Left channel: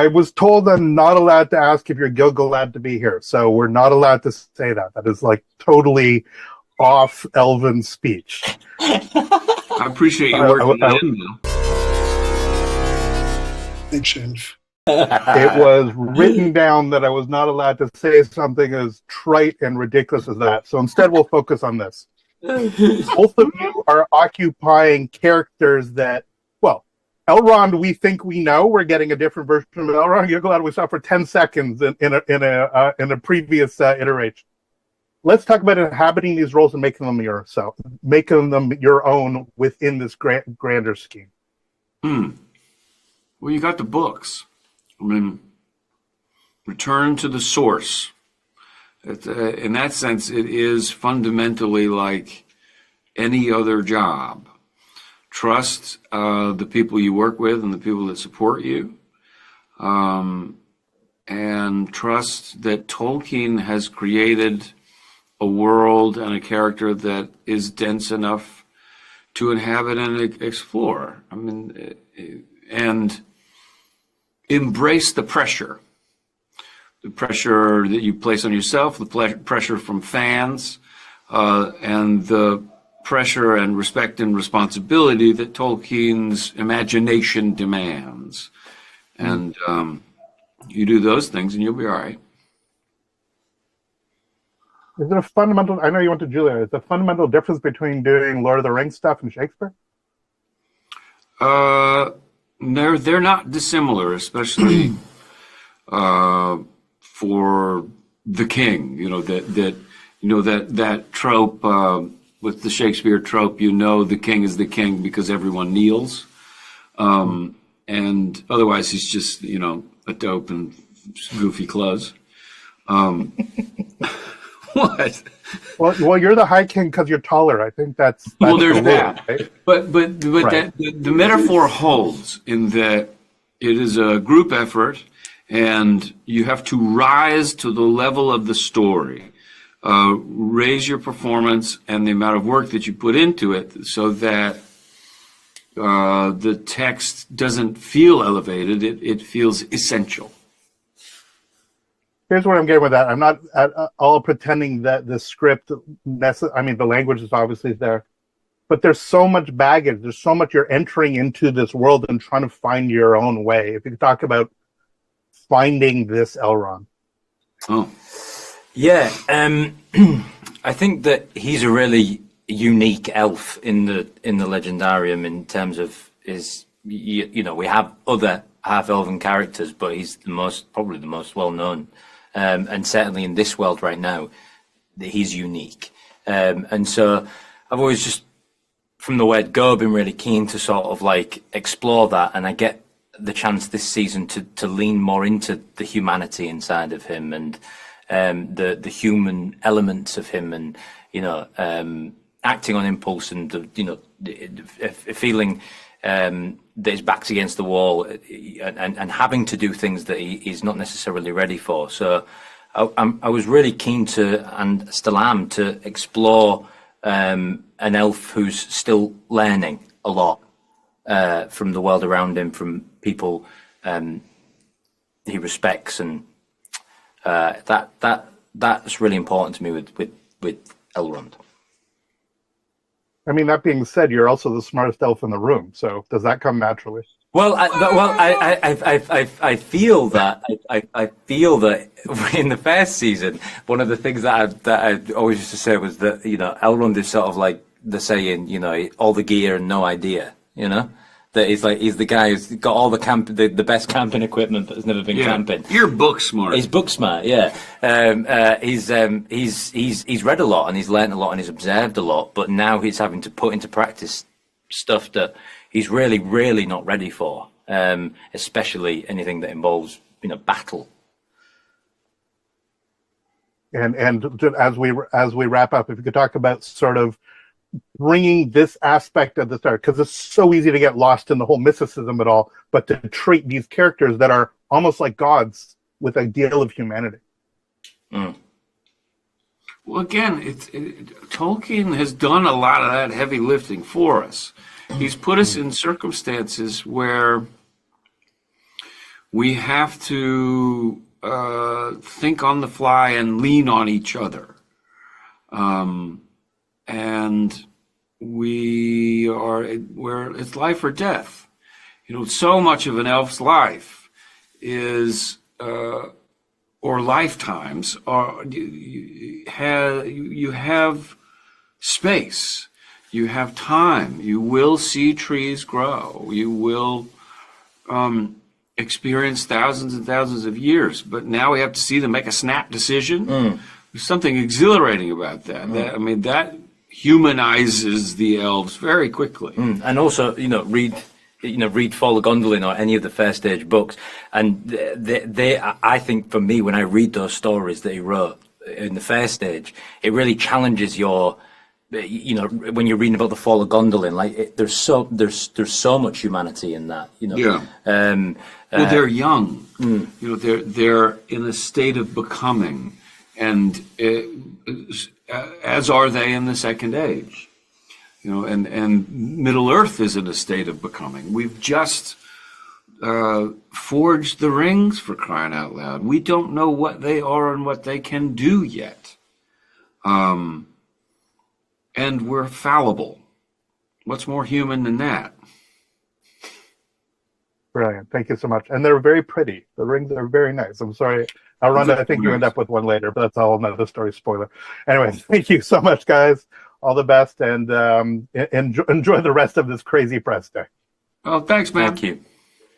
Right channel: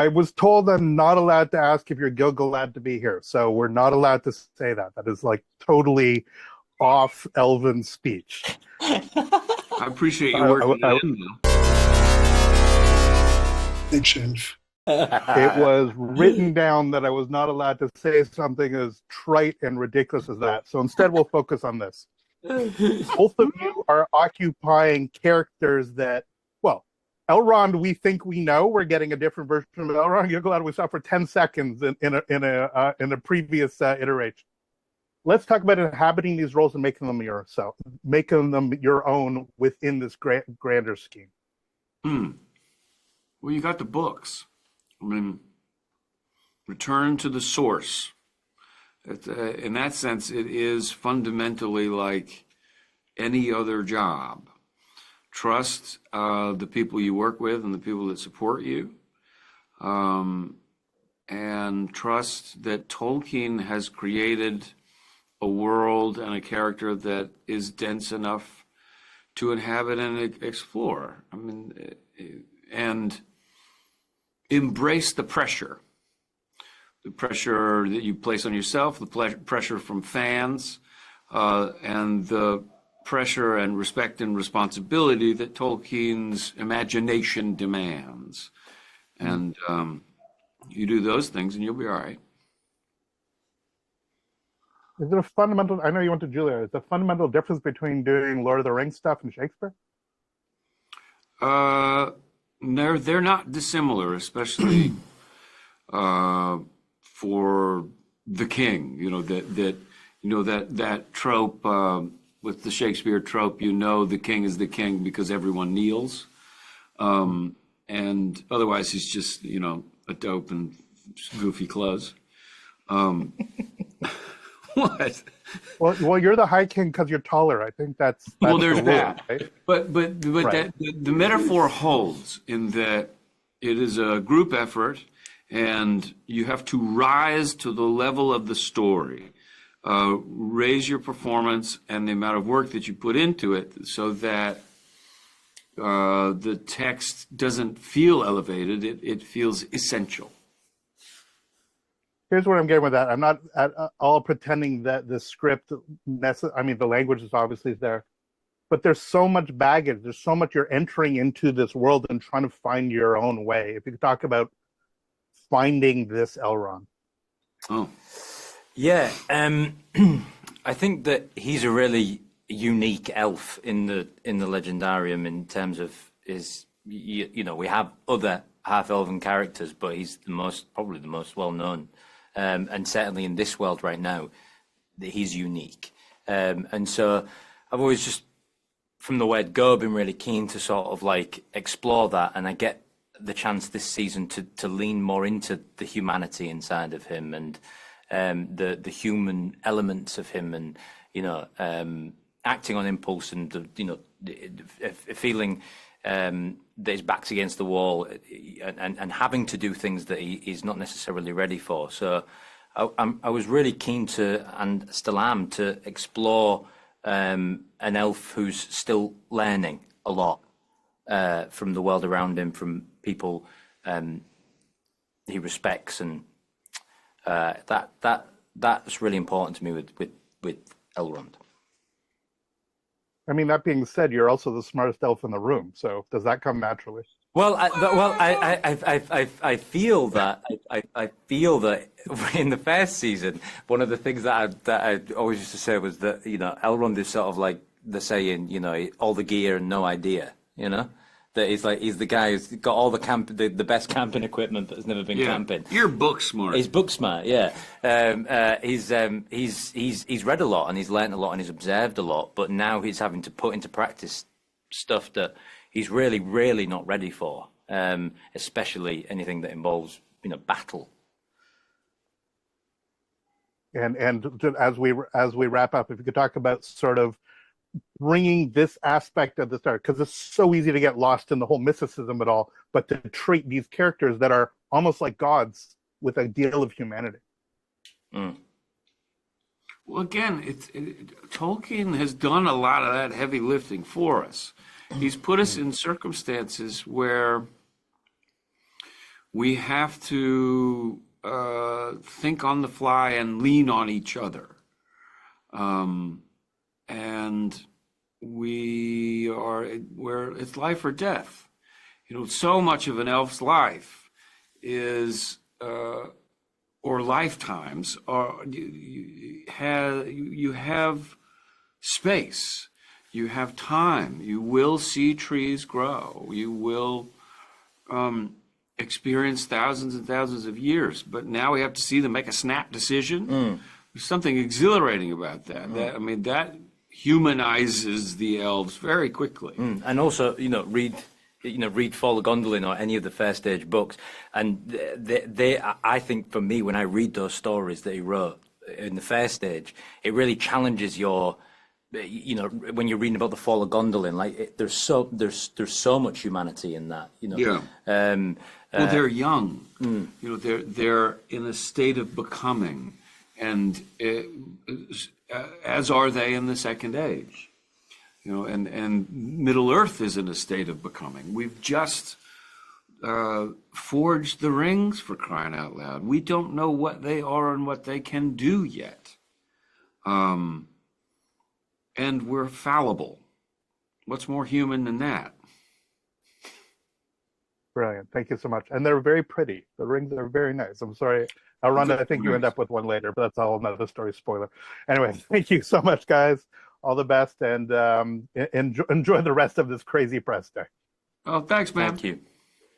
I was told I'm not allowed to ask if you're Gil-galad to be here, so we're not allowed to say that. That is like totally off Elven speech. I appreciate you working that in, though. Big change. It was written down that I was not allowed to say something as trite and ridiculous as that. So instead, we'll focus on this. Both of you are occupying characters that, well, Elrond, we think we know. We're getting a different version of Elrond. Gil-galad we saw for 10 seconds in a previous iteration. Let's talk about inhabiting these roles and making them your own within this grander scheme. Well, you got the books. I mean, return to the source. In that sense, it is fundamentally like any other job. Trust the people you work with and the people that support you. And trust that Tolkien has created a world and a character that is dense enough to inhabit and explore. I mean, and embrace the pressure that you place on yourself, the pressure from fans, and the pressure and respect and responsibility that Tolkien's imagination demands. And you do those things and you'll be all right. Is there a fundamental, I know you went to Julia, is there a fundamental difference between doing Lord of the Rings stuff and Shakespeare? They're not dissimilar, especially for the king. That trope with the Shakespeare trope. The king is the king because everyone kneels, and otherwise he's just a dope in goofy clothes. What? Well, you're the High King because you're taller. I think that's well. There's that, right? but right. The metaphor holds in that it is a group effort, and you have to rise to the level of the story, raise your performance and the amount of work that you put into it, so that the text doesn't feel elevated; it feels essential. Here's what I'm getting with that. I'm not at all pretending that the script, the language is obviously there, but there's so much baggage. There's so much you're entering into this world and trying to find your own way. If you could talk about finding this Elrond. Oh, yeah. I think that he's a really unique elf in the Legendarium in terms of we have other half-elven characters, but he's probably the most well-known. And certainly in this world right now, he's unique. And so I've always just, from the word go, been really keen to sort of like explore that. And I get the chance this season to lean more into the humanity inside of him and the human elements of him, and acting on impulse and feeling that his back's against the wall and having to do things that he's not necessarily ready for. So I was really keen to, and still am, to explore an elf who's still learning a lot from the world around him, from people he respects, and that's really important to me with Elrond. I mean, that being said, you're also the smartest elf in the room. So does that come naturally? Well, I feel that in the first season, one of the things that I always used to say was that Elrond is sort of like the saying, all the gear and no idea. That he's the guy who's got all the best camping equipment but has never been camping. You're book smart. He's book smart, yeah. He's read a lot and he's learned a lot and he's observed a lot, but now he's having to put into practice stuff that he's really, really not ready for, especially anything that involves battle. And as we wrap up, if you could talk about sort of bringing this aspect of the start, because it's so easy to get lost in the whole mysticism of it all, but to treat these characters that are almost like gods with a deal of humanity. Well, again, Tolkien has done a lot of that heavy lifting for us. He's put us in circumstances where We have to think on the fly and lean on each other. And it's life or death. So much of an elf's life is, or lifetimes, you have space, you have time, you will see trees grow, you will experience thousands and thousands of years, but now we have to see them make a snap decision. There's something exhilarating about that. That humanizes the elves very quickly. And also, read Fall of Gondolin or any of the First Age books, and they I think for me, when I read those stories that he wrote in the First Age, it really challenges your, when you're reading about the Fall of Gondolin, like there's so much humanity in that. Well, they're young. They're in a state of becoming, and as are they in the Second Age. And Middle Earth is in a state of becoming. We've just forged the rings, for crying out loud. We don't know what they are and what they can do yet. And we're fallible. What's more human than that? Brilliant. Thank you so much. And they're very pretty. The rings are very nice. I'm sorry, Elrond, I think you end up with one later, but that's all another story spoiler. Anyway, thank you so much, guys. All the best, and enjoy the rest of this crazy press day. Oh, thanks, man. Thank you.